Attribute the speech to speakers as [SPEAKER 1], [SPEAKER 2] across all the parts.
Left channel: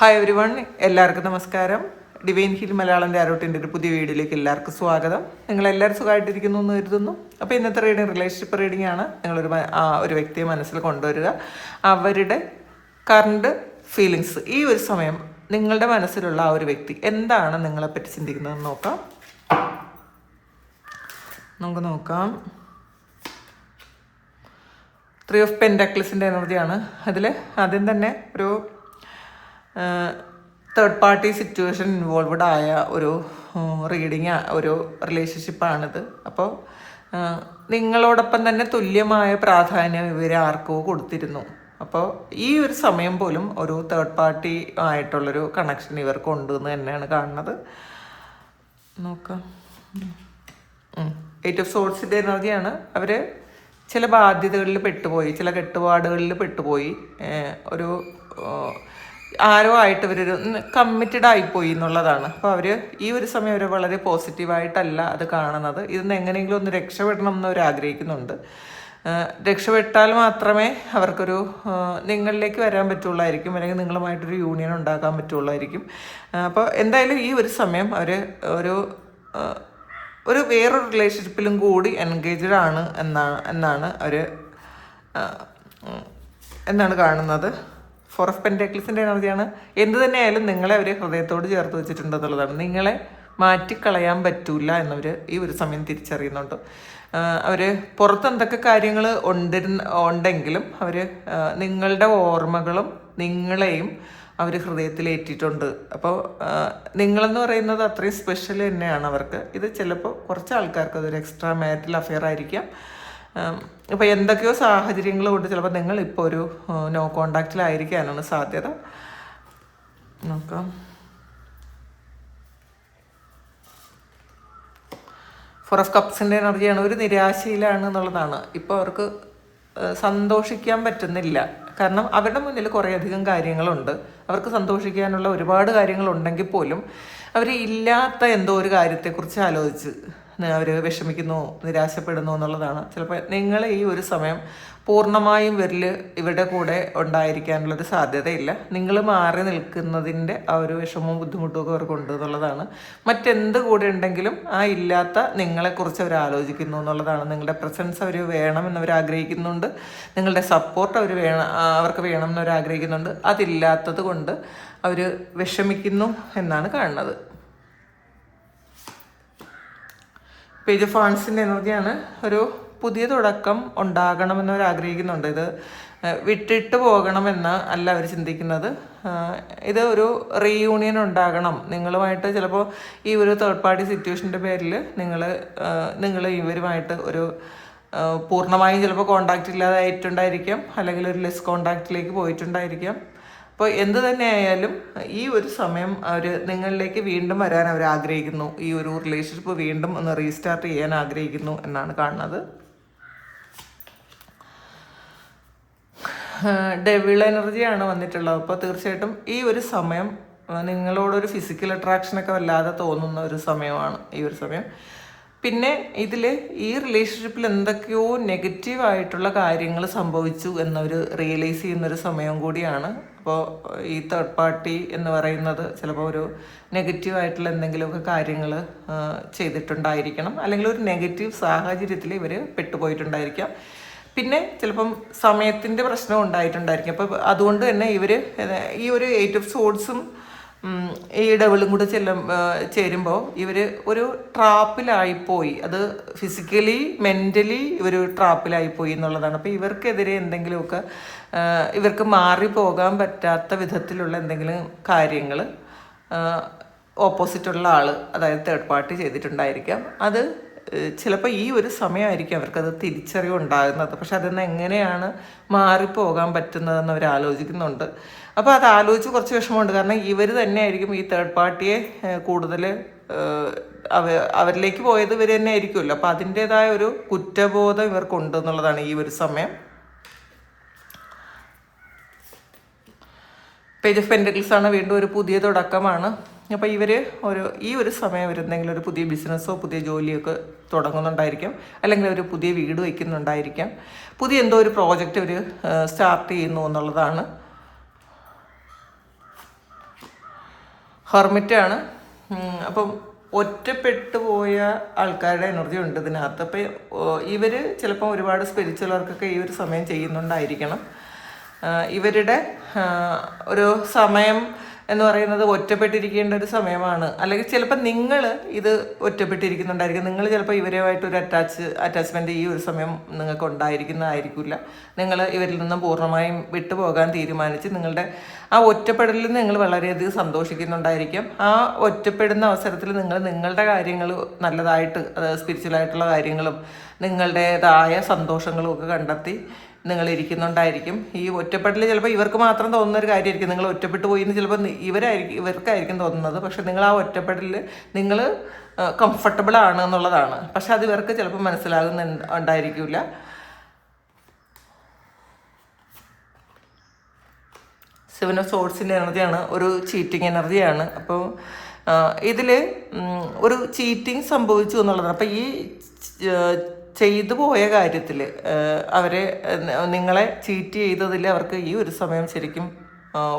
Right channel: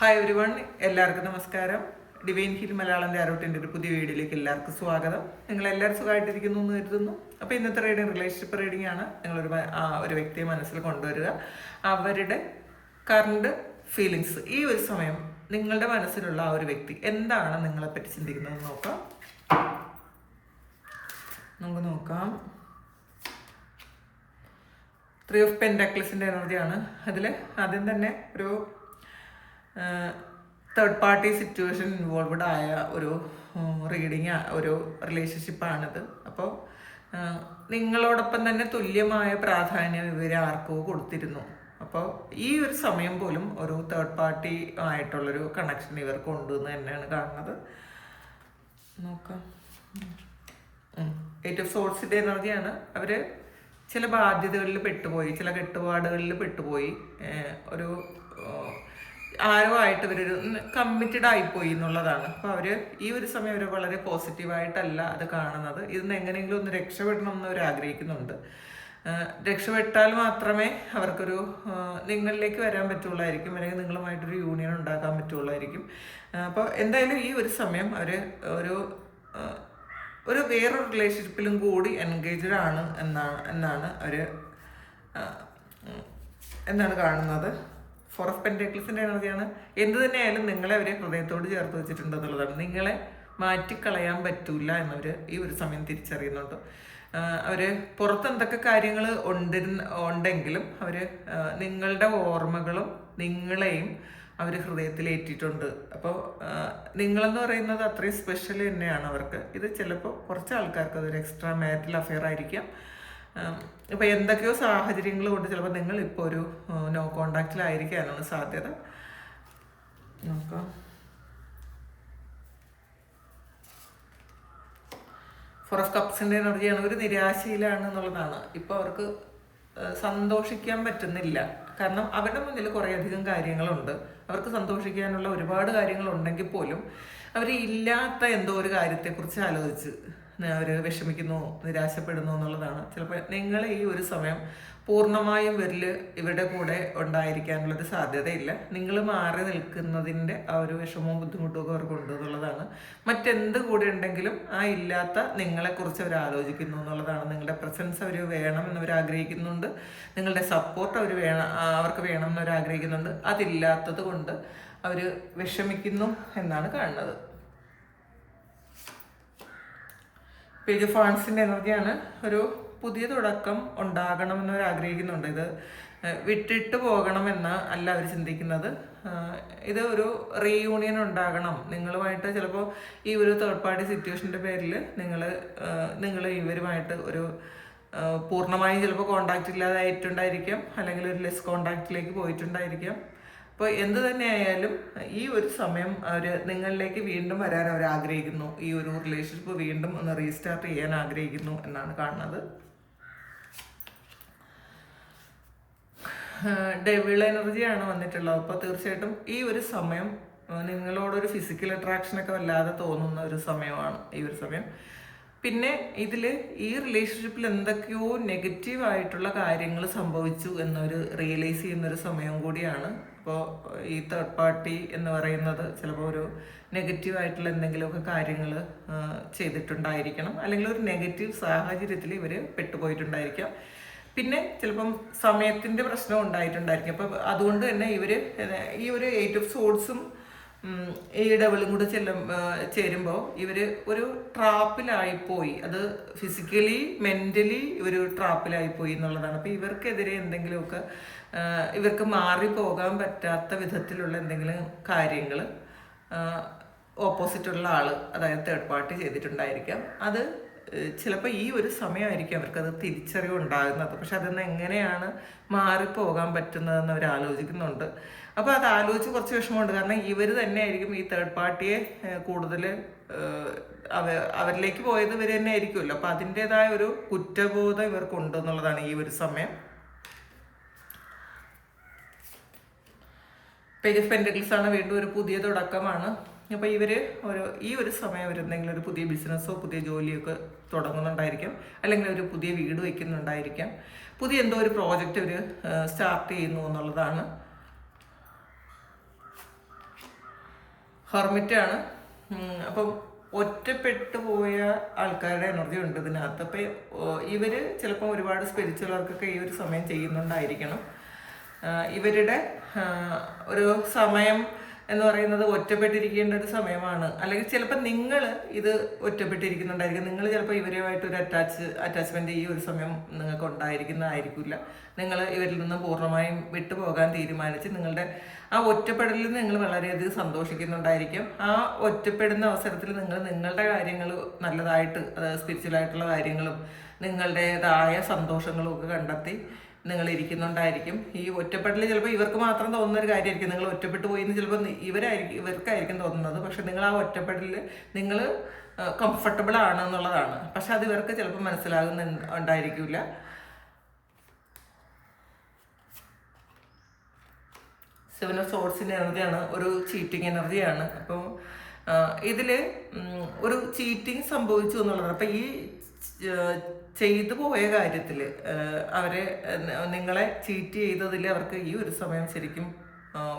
[SPEAKER 1] Hi every one എല്ലാവർക്കും നമസ്കാരം. Divine hill Malayalam ആരോട്ടിന്റെ ഒരു പുതിയ വീഡിയോയിലേക്ക് എല്ലാവർക്കും സ്വാഗതം. നിങ്ങൾ എല്ലാവരും സുഖമായിട്ടിരിക്കുന്നു എന്ന് കരുതുന്നു. അപ്പോൾ ഇന്നത്തെ റീഡിങ് റിലേഷൻഷിപ്പ് റീഡിംഗ് ആണ് നിങ്ങളൊരു ഒരു വ്യക്തിയെ മനസ്സിൽ കൊണ്ടുവരിക. അവരുടെ കറണ്ട് ഫീലിങ്സ് ഈ ഒരു സമയം നിങ്ങളുടെ മനസ്സിലുള്ള ആ ഒരു വ്യക്തി എന്താണ് നിങ്ങളെപ്പറ്റി ചിന്തിക്കുന്നതെന്ന് നോക്കാം. നമുക്ക് നോക്കാം. ത്രീ ഓഫ് പെൻഡാക്ലിസിന്റെ എനർജിയാണ് അതിൽ ആദ്യം തന്നെ ഒരു തേർഡ് പാർട്ടി സിറ്റുവേഷൻ ഇൻവോൾവഡ് ആയ ഒരു റീഡിങ് ഒരു റിലേഷൻഷിപ്പാണിത് അപ്പോൾ നിങ്ങളോടൊപ്പം തന്നെ തുല്യമായ പ്രാധാന്യം ഇവർ ആർക്കോ കൊടുത്തിരുന്നു. അപ്പോൾ ഈ ഒരു സമയം പോലും ഒരു തേർഡ് പാർട്ടി ആയിട്ടുള്ളൊരു കണക്ഷൻ ഇവർക്ക് ഉണ്ട് എന്ന് തന്നെയാണ് കാണുന്നത്. നോക്കാം. എയ്റ്റ് ഓഫ് സോഴ്സിന്റെ എനർജിയാണ് അവർ ചില ബാധ്യതകളിൽ പെട്ടുപോയി ചില കെട്ടുപാടുകളിൽ പെട്ടുപോയി. ഒരു ആരോ ആയിട്ട് ഇവരൊരു കമ്മിറ്റഡ് ആയിപ്പോയി എന്നുള്ളതാണ്. അപ്പോൾ അവർ ഈ ഒരു സമയം അവർ വളരെ പോസിറ്റീവായിട്ടല്ല അത് കാണുന്നത്. ഇതിന്ന് എങ്ങനെയെങ്കിലും ഒന്ന് രക്ഷപ്പെടണം എന്ന് അവർ ആഗ്രഹിക്കുന്നുണ്ട്. രക്ഷപ്പെട്ടാൽ മാത്രമേ അവർക്കൊരു നിങ്ങളിലേക്ക് വരാൻ പറ്റുള്ളായിരിക്കും. അല്ലെങ്കിൽ നിങ്ങളുമായിട്ടൊരു യൂണിയൻ ഉണ്ടാക്കാൻ പറ്റുള്ളായിരിക്കും. അപ്പോൾ എന്തായാലും ഈ ഒരു സമയം അവർ ഒരു ഒരു വേറൊരു റിലേഷൻഷിപ്പിലും കൂടി എൻഗേജ്ഡ് ആണ് എന്നാണ് എന്നാണ് അവർ എന്നാണ് കാണുന്നത്. ഫോർ ഓഫ് പെന്റേക്കിൾസിന്റെ എനർജിയാണ് എന്ത് തന്നെയായാലും നിങ്ങളെ അവർ ഹൃദയത്തോട് ചേർത്ത് വെച്ചിട്ടുണ്ട് എന്നുള്ളതാണ് നിങ്ങളെ മാറ്റിക്കളയാൻ പറ്റൂല എന്നവർ ഈ ഒരു സമയം തിരിച്ചറിയുന്നുണ്ട്. അവർ പുറത്ത് എന്തൊക്കെ കാര്യങ്ങൾ ഉണ്ടിരുന്ന ഉണ്ടെങ്കിലും അവർ നിങ്ങളുടെ ഓർമ്മകളും നിങ്ങളെയും അവർ ഹൃദയത്തിലേറ്റിട്ടുണ്ട് അപ്പോൾ നിങ്ങളെന്ന് പറയുന്നത് അത്രയും സ്പെഷ്യൽ തന്നെയാണ് അവർക്ക്. ഇത് ചിലപ്പോൾ കുറച്ച് ആൾക്കാർക്ക് അതൊരു എക്സ്ട്രാ മാരിറ്റൽ അഫെയർ ആയിരിക്കാം. ഇപ്പോൾ എന്തൊക്കെയോ സാഹചര്യങ്ങൾ കൊണ്ട് ചിലപ്പോൾ നിങ്ങൾ ഇപ്പോൾ ഒരു നോ കോണ്ടാക്റ്റിലായിരിക്കാനാണ് സാധ്യത. നോക്കാം ഫോർ ഓഫ് കപ്സിന്റെ എനർജിയാണ് ഒരു നിരാശയിലാണ് എന്നുള്ളതാണ്. ഇപ്പോൾ അവർക്ക് സന്തോഷിക്കാൻ പറ്റുന്നില്ല. കാരണം അവരുടെ മുന്നിൽ കുറേയധികം കാര്യങ്ങളുണ്ട്. അവർക്ക് സന്തോഷിക്കാനുള്ള ഒരുപാട് കാര്യങ്ങളുണ്ടെങ്കിൽ പോലും അവർ ഇല്ലാത്ത എന്തോ ഒരു കാര്യത്തെക്കുറിച്ച് ആലോചിച്ച് അവർ വിഷമിക്കുന്നു നിരാശപ്പെടുന്നു എന്നുള്ളതാണ്. ചിലപ്പോൾ നിങ്ങൾ ഈ ഒരു സമയം പൂർണമായും വരിൽ ഇവരുടെ കൂടെ ഉണ്ടായിരിക്കാനുള്ളൊരു സാധ്യതയില്ല. നിങ്ങൾ മാറി നിൽക്കുന്നതിന്റെ ആ ഒരു വിഷമവും ബുദ്ധിമുട്ടും ഒക്കെ അവർക്കുണ്ട് എന്നുള്ളതാണ്. മറ്റെന്ത് കൂടെ ഉണ്ടെങ്കിലും ആ ഇല്ലാത്ത നിങ്ങളെക്കുറിച്ച് അവർ ആലോചിക്കുന്നു എന്നുള്ളതാണ്. നിങ്ങളുടെ പ്രസൻസ് അവർ വേണം അവർ ആഗ്രഹിക്കുന്നുണ്ട്. നിങ്ങളുടെ സപ്പോർട്ട് അവർ വേണം അവർക്ക് വേണം എന്നവർ ആഗ്രഹിക്കുന്നുണ്ട്. അതില്ലാത്തത് കൊണ്ട് അവർ വിഷമിക്കുന്നു എന്നാണ് കാണുന്നത്. പേജ് ഇത് ഫാൺസിന്റെ എനർജിയാണ്. ഒരു പുതിയ തുടക്കം ഉണ്ടാകണമെന്ന് അവർ ആഗ്രഹിക്കുന്നുണ്ട്. ഇത് വിട്ടിട്ട് പോകണമെന്ന് അല്ല അവർ ചിന്തിക്കുന്നത്. ഇത് ഒരു റീയൂണിയൻ ഉണ്ടാകണം. നിങ്ങളുമായിട്ട് ചിലപ്പോൾ ഈ ഒരു തേർഡ് പാർട്ടി സിറ്റുവേഷന്റെ പേരിൽ നിങ്ങൾ നിങ്ങൾ ഇവരുമായിട്ട് ഒരു പൂർണമായും ചിലപ്പോൾ കോണ്ടാക്റ്റ് ഇല്ലാതായിട്ടുണ്ടായിരിക്കാം. അല്ലെങ്കിൽ ഒരു ലെസ് കോണ്ടാക്റ്റിലേക്ക് പോയിട്ടുണ്ടായിരിക്കാം. അപ്പോൾ എന്ത് തന്നെ ആയാലും ഈ ഒരു സമയം അവർ നിങ്ങളിലേക്ക് വീണ്ടും വരാൻ അവർ ആഗ്രഹിക്കുന്നു. ഈ ഒരു റിലേഷൻഷിപ്പ് വീണ്ടും ഒന്ന് റീസ്റ്റാർട്ട് ചെയ്യാൻ ആഗ്രഹിക്കുന്നു എന്നാണ് കാണുന്നത്. ഡെവിൾ എനർജിയാണ് വന്നിട്ടുള്ളത്. അപ്പോൾ തീർച്ചയായിട്ടും ഈ ഒരു സമയം നിങ്ങളോടൊരു ഫിസിക്കൽ അട്രാക്ഷനൊക്കെ വല്ലാതെ തോന്നുന്ന ഒരു സമയമാണ് ഈ ഒരു സമയം. പിന്നെ ഇതിൽ ഈ റിലേഷൻഷിപ്പിൽ എന്തൊക്കെയോ നെഗറ്റീവായിട്ടുള്ള കാര്യങ്ങൾ സംഭവിച്ചു എന്നൊരു റിയലൈസ് ചെയ്യുന്നൊരു സമയം കൂടിയാണ് അപ്പോൾ ഈ തേർഡ് പാർട്ടി എന്ന് പറയുന്നത് ചിലപ്പോൾ ഒരു നെഗറ്റീവ് ആയിട്ടുള്ള എന്തെങ്കിലുമൊക്കെ കാര്യങ്ങൾ ചെയ്തിട്ടുണ്ടായിരിക്കണം. അല്ലെങ്കിൽ ഒരു നെഗറ്റീവ് സാഹചര്യത്തിൽ ഇവർ പെട്ടുപോയിട്ടുണ്ടായിരിക്കാം. പിന്നെ ചിലപ്പം സമയത്തിന്റെ പ്രശ്നം ഉണ്ടായിട്ടുണ്ടായിരിക്കും. അപ്പോൾ അതുകൊണ്ട് തന്നെ ഇവർ ഈ ഒരു എയ്റ്റ് ഓഫ് സോഡ്സും ഈ ഡബിളും കൂടെ ചെല്ലും ചേരുമ്പോൾ ഇവർ ഒരു ട്രാപ്പിലായിപ്പോയി അത് ഫിസിക്കലി മെന്റലി ഇവർ ട്രാപ്പിലായിപ്പോയി എന്നുള്ളതാണ്. അപ്പോൾ ഇവർക്കെതിരെ എന്തെങ്കിലുമൊക്കെ ഇവർക്ക് മാറി പോകാൻ പറ്റാത്ത വിധത്തിലുള്ള എന്തെങ്കിലും കാര്യങ്ങൾ ഓപ്പോസിറ്റുള്ള ആൾ അതായത് തേർഡ് പാർട്ടി ചെയ്തിട്ടുണ്ടായിരിക്കാം. അത് ചിലപ്പോൾ ഈ ഒരു സമയമായിരിക്കും അവർക്കത് തിരിച്ചറിവ് ഉണ്ടാകുന്നത് പക്ഷെ അതിൽ നിന്ന് എങ്ങനെയാണ് മാറിപ്പോകാൻ പറ്റുന്നതെന്ന് അവർ ആലോചിക്കുന്നുണ്ട്. അപ്പോൾ അത് ആലോചിച്ച് കുറച്ച് വിഷമമുണ്ട്. കാരണം ഇവർ തന്നെയായിരിക്കും ഈ തേർഡ് പാർട്ടിയെ കൂടുതൽ അവ അവരിലേക്ക് പോയത് ഇവർ തന്നെ ആയിരിക്കുമല്ലോ അപ്പോൾ അതിന്റെതായ ഒരു കുറ്റബോധം ഇവർക്കുണ്ട് എന്നുള്ളതാണ് ഈ ഒരു സമയം. പേജ് ഓഫ് പെന്റക്കിൾസ് ആണ് വീണ്ടും ഒരു പുതിയ തുടക്കമാണ്. അപ്പോൾ ഇവർ ഒരു ഈ ഒരു സമയം അവർ എന്തെങ്കിലും ഒരു പുതിയ ബിസിനസ്സോ പുതിയ ജോലിയോ ഒക്കെ തുടങ്ങുന്നുണ്ടായിരിക്കും. അല്ലെങ്കിൽ ഒരു പുതിയ വീട് വയ്ക്കുന്നുണ്ടായിരിക്കാം. പുതിയ എന്തോ ഒരു പ്രോജക്റ്റ് ഒരു സ്റ്റാർട്ട് ചെയ്യുന്നു എന്നുള്ളതാണ്. ഹെർമിറ്റാണ്. അപ്പം ഒറ്റപ്പെട്ടു പോയ ആൾക്കാരുടെ എനർജി ഉണ്ട് ഇതിനകത്ത്. അപ്പം ഇവർ ചിലപ്പോൾ ഒരുപാട് സ്പിരിച്വൽ വർക്കൊക്കെ ഈ ഒരു സമയം ചെയ്യുന്നുണ്ടായിരിക്കണം. ഇവരുടെ ഒരു സമയം എന്ന് പറയുന്നത് ഒറ്റപ്പെട്ടിരിക്കേണ്ട ഒരു സമയമാണ്. അല്ലെങ്കിൽ ചിലപ്പോൾ നിങ്ങൾ ഇത് ഒറ്റപ്പെട്ടിരിക്കുന്നുണ്ടായിരിക്കും. നിങ്ങൾ ചിലപ്പോൾ ഇവരുമായിട്ട് ഒരു അറ്റാച്ച് അറ്റാച്ച്മെന്റ് ഈ ഒരു സമയം നിങ്ങൾക്ക് ഉണ്ടായിരിക്കുന്നതായിരിക്കില്ല നിങ്ങൾ ഇവരിൽ നിന്നും പൂർണമായും വിട്ടുപോകാൻ തീരുമാനിച്ച് നിങ്ങളുടെ ആ ഒറ്റപ്പെടലിൽ നിങ്ങൾ വളരെയധികം സന്തോഷിക്കുന്നുണ്ടായിരിക്കും. ആ ഒറ്റപ്പെടുന്ന അവസരത്തിൽ നിങ്ങൾ നിങ്ങളുടെ കാര്യങ്ങൾ നല്ലതായിട്ട് അത് സ്പിരിച്വലായിട്ടുള്ള കാര്യങ്ങളും നിങ്ങളുടേതായ സന്തോഷങ്ങളും ഒക്കെ കണ്ടെത്തി നിങ്ങൾ ഇരിക്കുന്നുണ്ടായിരിക്കും ഈ ഒറ്റപ്പെടൽ ചിലപ്പോൾ ഇവർക്ക് മാത്രം തോന്നുന്ന ഒരു കാര്യമായിരിക്കും. നിങ്ങൾ ഒറ്റപ്പെട്ടു പോയി എന്ന് ചിലപ്പോൾ ഇവരായിരിക്കും ഇവർക്കായിരിക്കും തോന്നുന്നത്. പക്ഷെ നിങ്ങൾ ആ ഒറ്റപ്പെടലിൽ നിങ്ങൾ കംഫർട്ടബിൾ ആണ് എന്നുള്ളതാണ്. പക്ഷെ അത് ഇവർക്ക് ചിലപ്പോൾ മനസ്സിലാകുന്ന ഉണ്ടായിരിക്കില്ല സെവൻ ഓഫ് സോഴ്സിന്റെ എനർജിയാണ് ഒരു ചീറ്റിംഗ് എനർജിയാണ്. അപ്പോൾ ഇതിൽ ഒരു ചീറ്റിംഗ് സംഭവിച്ചു എന്നുള്ളതാണ്. അപ്പോൾ ഈ ചെയ്തു പോയ കാര്യത്തിൽ അവരെ നിങ്ങളെ ചീറ്റ് ചെയ്തതിൽ അവർക്ക് ഈ ഒരു സമയം ശരിക്കും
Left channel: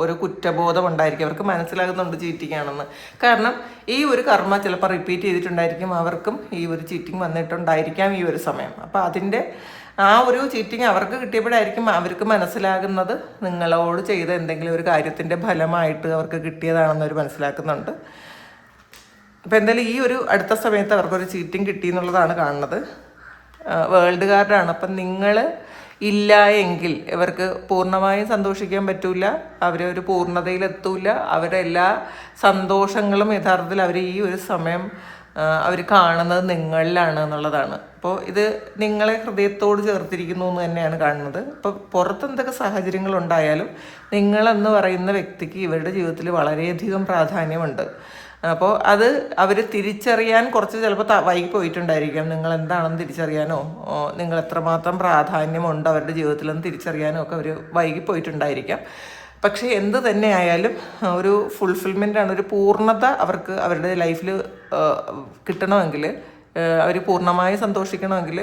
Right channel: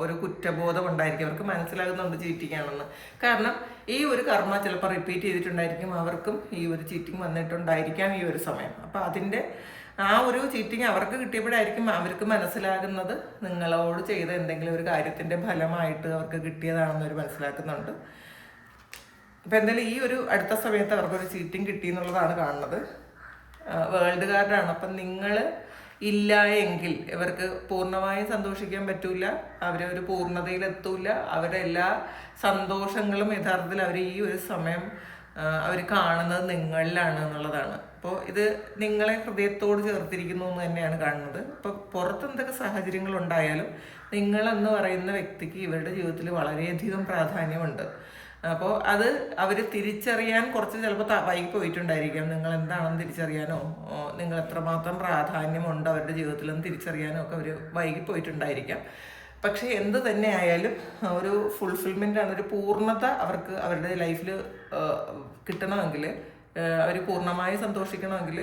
[SPEAKER 1] ഒരു കുറ്റബോധം ഉണ്ടായിരിക്കും. അവർക്ക് മനസ്സിലാകുന്നുണ്ട് ചീറ്റിംഗ് ആണെന്ന് കാരണം ഈ ഒരു കർമ്മ ചിലപ്പോൾ റിപ്പീറ്റ് ചെയ്തിട്ടുണ്ടായിരിക്കും. അവർക്കും ഈ ഒരു ചീറ്റിംഗ് വന്നിട്ടുണ്ടായിരിക്കാം ഈ ഒരു സമയം. അപ്പോൾ അതിന്റെ ആ ഒരു ചീറ്റിംഗ് അവർക്ക് കിട്ടിയപ്പോഴായിരിക്കും അവർക്ക് മനസ്സിലാകുന്നത് നിങ്ങളോട് ചെയ്ത എന്തെങ്കിലും ഒരു കാര്യത്തിന്റെ ഫലമായിട്ട് അവർക്ക് കിട്ടിയതാണെന്ന് അവർ മനസ്സിലാക്കുന്നുണ്ട്. അപ്പോൾ എന്തായാലും ഈ ഒരു അടുത്ത സമയത്ത് അവർക്കൊരു ചീറ്റിംഗ് കിട്ടി എന്നുള്ളതാണ് കാണുന്നത്. വേൾഡ് കാർഡാണ് അപ്പം നിങ്ങൾ ഇല്ല എങ്കിൽ ഇവർക്ക് പൂർണമായും സന്തോഷിക്കാൻ പറ്റൂല അവരെ ഒരു പൂർണതയിലെത്തൂല അവരുടെ എല്ലാ സന്തോഷങ്ങളും യഥാർത്ഥത്തിൽ അവർ ഈ ഒരു സമയം അവർ കാണുന്നത് നിങ്ങളിലാണ് എന്നുള്ളതാണ്. അപ്പോൾ ഇത് നിങ്ങളെ ഹൃദയത്തോട് ചേർത്തിരിക്കുന്നു എന്ന് തന്നെയാണ് കാണുന്നത്. അപ്പോൾ പുറത്ത് എന്തൊക്കെ സാഹചര്യങ്ങൾ ഉണ്ടായാലും നിങ്ങളെന്ന് പറയുന്ന വ്യക്തിക്ക് ഇവരുടെ ജീവിതത്തിൽ വളരെയധികം പ്രാധാന്യമുണ്ട്. അപ്പോൾ അത് അവർ തിരിച്ചറിയാൻ കുറച്ച് ചിലപ്പോൾ വൈകി പോയിട്ടുണ്ടായിരിക്കാം. നിങ്ങൾ എന്താണെന്ന് തിരിച്ചറിയാനോ? നിങ്ങൾ എത്രമാത്രം പ്രാധാന്യമുണ്ട് അവരുടെ ജീവിതത്തിലെന്ന് തിരിച്ചറിയാനോ ഒക്കെ അവർ വൈകി പോയിട്ടുണ്ടായിരിക്കാം. പക്ഷേ എന്ത് തന്നെയായാലും ഒരു ഫുൾഫിൽമെന്റ് ആണ് ഒരു പൂർണത അവർക്ക് അവരുടെ ലൈഫിൽ കിട്ടണമെങ്കിൽ അവർ പൂർണമായി സന്തോഷിക്കണമെങ്കിൽ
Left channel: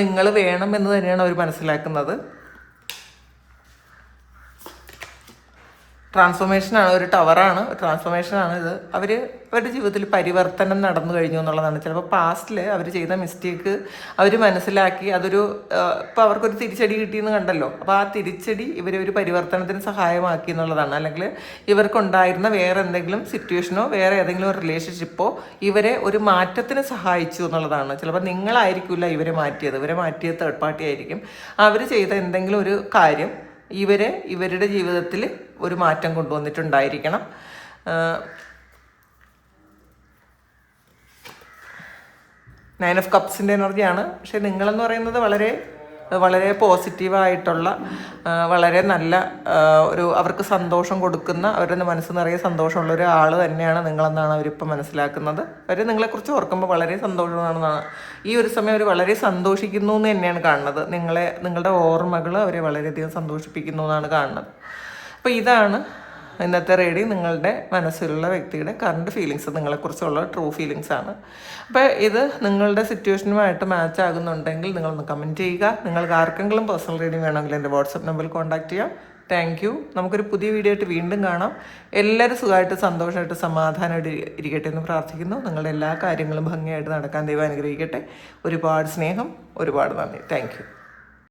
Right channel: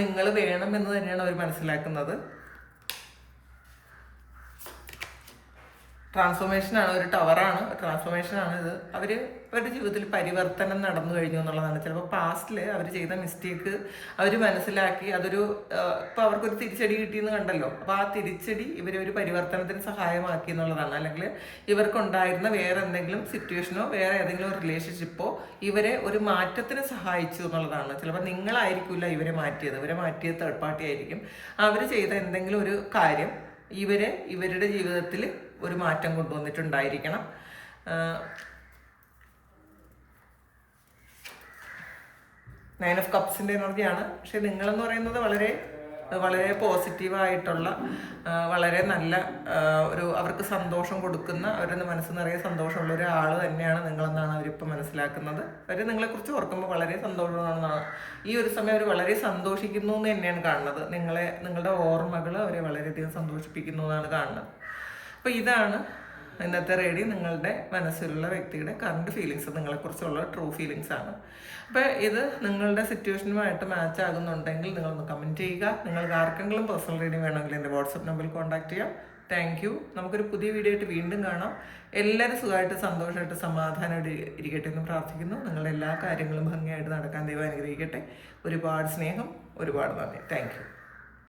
[SPEAKER 1] നിങ്ങൾ വേണം എന്ന് തന്നെയാണ് അവർ മനസ്സിലാക്കുന്നത്. ട്രാൻസ്ഫോർമേഷനാണ് ഒരു ടവറാണ് ട്രാൻസ്ഫോർമേഷനാണ് ഇത്. അവർ അവരുടെ ജീവിതത്തിൽ പരിവർത്തനം നടന്നു കഴിഞ്ഞു എന്നുള്ളതാണ്. ചിലപ്പോൾ പാസ്റ്റിൽ അവർ ചെയ്ത മിസ്റ്റേക്ക് അവർ മനസ്സിലാക്കി അതൊരു ഇപ്പോൾ അവർക്കൊരു തിരിച്ചടി കിട്ടിയെന്ന് കണ്ടല്ലോ. അപ്പോൾ ആ തിരിച്ചടി ഇവരെ ഒരു പരിവർത്തനത്തിന് സഹായമാക്കി എന്നുള്ളതാണ്. അല്ലെങ്കിൽ ഇവർക്കുണ്ടായിരുന്ന വേറെ എന്തെങ്കിലും സിറ്റുവേഷനോ വേറെ ഏതെങ്കിലും റിലേഷൻഷിപ്പോ ഇവരെ ഒരു മാറ്റത്തിന് സഹായിച്ചു എന്നുള്ളതാണ്. ചിലപ്പോൾ നിങ്ങളായിരിക്കില്ല ഇവരെ മാറ്റിയത്. ഇവരെ മാറ്റിയ തേർഡ് പാർട്ടി ആയിരിക്കും. അവർ ചെയ്ത എന്തെങ്കിലും ഒരു കാര്യം ഇവരെ ഇവരുടെ ജീവിതത്തിൽ ഒരു മാറ്റം കൊണ്ടുവന്നിട്ടുണ്ടായിരിക്കണം. നയൻ ഓഫ് കപ്സിന്റെ എനർജിയാണ്. പക്ഷെ നിങ്ങളെന്ന് പറയുന്നത് വളരെ വളരെ പോസിറ്റീവായിട്ടുള്ള വളരെ നല്ല ഒരു അവർക്ക് സന്തോഷം കൊടുക്കുന്ന അവരുടെ മനസ്സ് നിറയെ സന്തോഷമുള്ള ഒരു ആൾ തന്നെയാണ് നിങ്ങളെന്നാണ് അവരിപ്പോൾ മനസ്സിലാക്കുന്നത്. അവർ നിങ്ങളെക്കുറിച്ച് ഓർക്കുമ്പോൾ വളരെ സന്തോഷമാണെന്നാണ് ഈ ഒരു സമയം അവർ വളരെ സന്തോഷിക്കുന്നു എന്ന് തന്നെയാണ് കാണുന്നത്. നിങ്ങളെ നിങ്ങളുടെ ഓർമ്മകൾ അവരെ വളരെയധികം സന്തോഷിപ്പിക്കുന്നു എന്നാണ് കാണുന്നത്. അപ്പോൾ ഇതാണ് ഇന്നത്തെ റേഡി നിങ്ങളുടെ മനസ്സിലുള്ള വ്യക്തിയുടെ കറണ്ട് ഫീലിങ്സ് നിങ്ങളെക്കുറിച്ചുള്ള ട്രൂ ഫീലിങ്സ് ആണ്. അപ്പോൾ ഇത് നിങ്ങളുടെ സിറ്റുവേഷനുമായിട്ട് മാച്ച് ആകുന്നുണ്ടെങ്കിൽ നിങ്ങളൊന്ന് കമന്റ് ചെയ്യുക. നിങ്ങൾക്ക് ആർക്കെങ്കിലും പേഴ്സണൽ റീഡിങ് വേണമെങ്കിൽ എന്റെ വാട്സപ്പ് നമ്പറിൽ കോൺടാക്ട് ചെയ്യാം. താങ്ക് യു നമുക്കൊരു പുതിയ വീഡിയോ ആയിട്ട് വീണ്ടും കാണാം. എല്ലാവരും സുഖമായിട്ട് സന്തോഷമായിട്ട് സമാധാനമായിട്ട് ഇരിക്കട്ടെ എന്ന് പ്രാർത്ഥിക്കുന്നു. നിങ്ങളുടെ എല്ലാ കാര്യങ്ങളും ഭംഗിയായിട്ട് നടക്കാൻ ദൈവം അനുഗ്രഹിക്കട്ടെ. ഒരുപാട് സ്നേഹം ഒരുപാട് നന്ദി. താങ്ക്